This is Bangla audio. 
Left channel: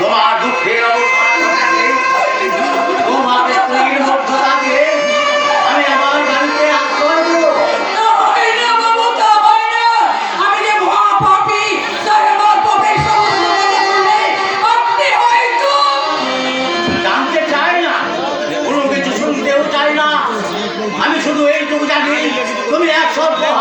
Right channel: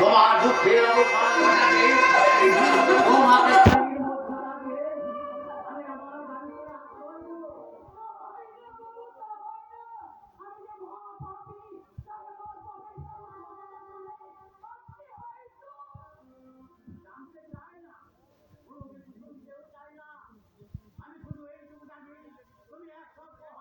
তোমার দুঃখের অবসান ঘটাতে তোমাকে স্ত্রীর মধ্যতা দিয়ে আমি আমার বাড়িতে আশ্রয় দেব। জানতে চাই না, কোনো কিছু শুনতেও চাই না। আমি শুধু এইটুকু জানি তুমি এক সপ্তাহ